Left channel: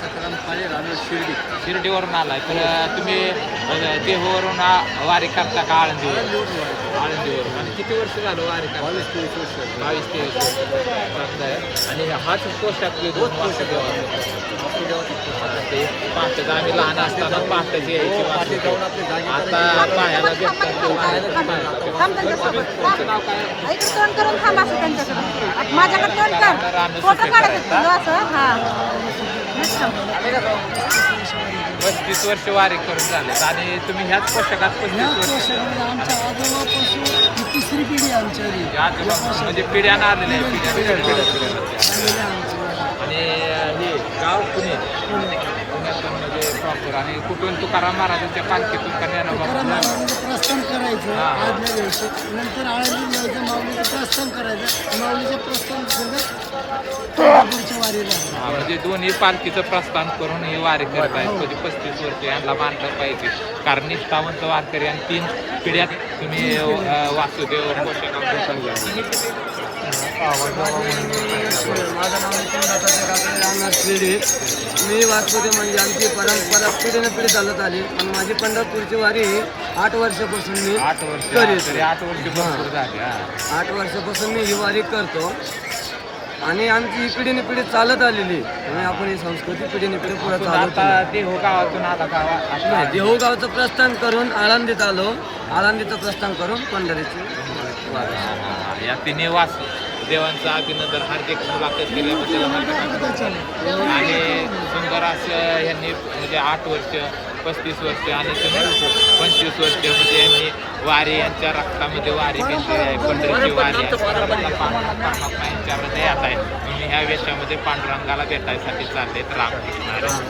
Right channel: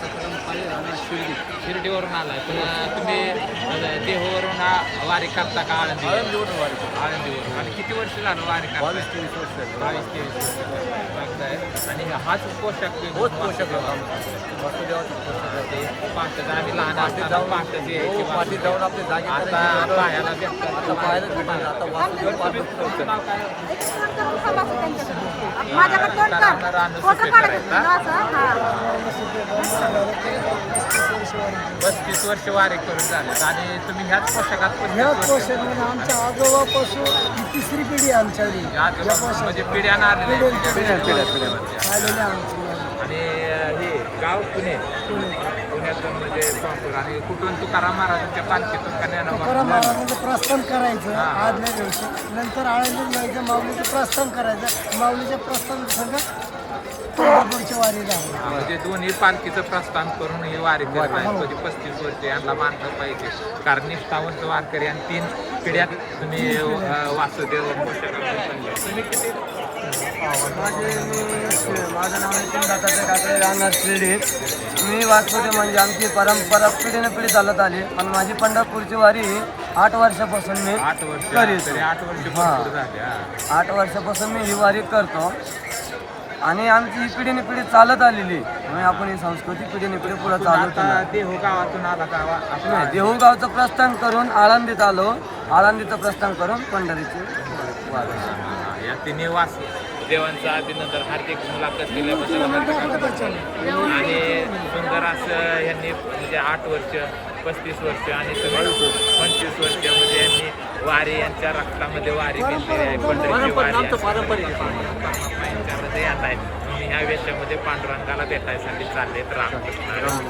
सतराम काळे राहणार शिर्डी. शिर्डीवरून आलाय तर तुम्ही देहूवरून वारी करता का आळंदीवर? आळंदीवरून वारी. आळंदीवरून. आणि किती वर्ष झालं वारी करता? 22-23 वर्ष. 22-23 वर्ष चांगलं आहे. आणि हाच पोशाख जो तोच दोन पोशाख वाजता होता. वासुदेवाचा पोशाख होता. ते पहाटेचं आम्ही लहान असताना पहाटेच हो, पाठी जाऊन आपले जागे आता करायचे. पाहायला भेटतात आता पाहायला भेटतात. आता वासुदेव पाठी तुमचं नाव काय? फोन करून थांबा असं त्यांच्याकडे. माझ्याकडे फोन कर. करांना राहणं फोटो सुट्टी काढायचं करायचा. असं, हां. 35 वर्ष वारी करून झालेत आणि तुम्ही ह्याच पोशाखात 35 ह्याच वर्ष- पोशाखामध्ये आमच्या आजोबापासून ही तिसरी पिढी आहे आमच्याकडे. ह्याच या पोशाख म्हणजे पिढ्यानं आलेल्या आहेत. आलेल्या आमच्या आणि हे गाव पुणे पुणे. पुण्यातून म्हणजे प्रॉपर आणि कुठून तुकाराम महाराजांच्या पालखीतून तुकाराम कन्याला महाराजांचं प्रस्थान करायचं हा. आदल्या वेळेस. नंतर आळंदी जायचं, माऊलीचं प्रस्थान करायचं. माऊलीचं प्रस्थान सोबत तुळजापूरची वारी लागली. म्हणजे दोन्ही पालखीचं प्रस्थान करून ही वारी करत आहेत म्हणजे 35 वर्ष यांना मानलं पाहिजे कारण निष्ठावंत वारकरी आणि 3 पिढ्यात तुम्ही वासुदेव पोषकातून चालले. माझं नाव नितीन दाताचे काकडे राहणार शिर्डी. मी वाचपते म्हणजे आमची परंपरा पिढीने पिढी चालत आली आणि माझी पंढरपूरची वारी 8 वर्षापासून मी 8 वर्ष करीतो. 8 वर्ष हां. भरपूर झाले, हां. 8 वर्षापासून मी ही वारी करतो आणि आमची ही पिढीने पिढी चालत आलेली म्हणून आपण ही संस्कृती पिढीने पिढी पुढे तुम्ही चालू आता देहू गावातून आला गावा नाही, देहूगावचं प्रस्थान करून आळंदीत आलो. आळंदीचं प्रस्थान करून पंढरीची वारी. या तिन्ही देवांचं अभिनंदन हार्दिक मुलाखत केल्याबद्दल आणि सुंदर असं यांनी म्हणजे 8 वर्ष 35 वर्ष आणि तुम्ही 25 वर्ष म्हणजे यांनी वारी यांच्या रक्तामध्ये वारी पंढरीची वारी यांच्यामध्ये येत आहे तुम्ही ह्या वेशामध्ये पांडुरंगाला भेटायसाठी चाललेत रामकृष्ण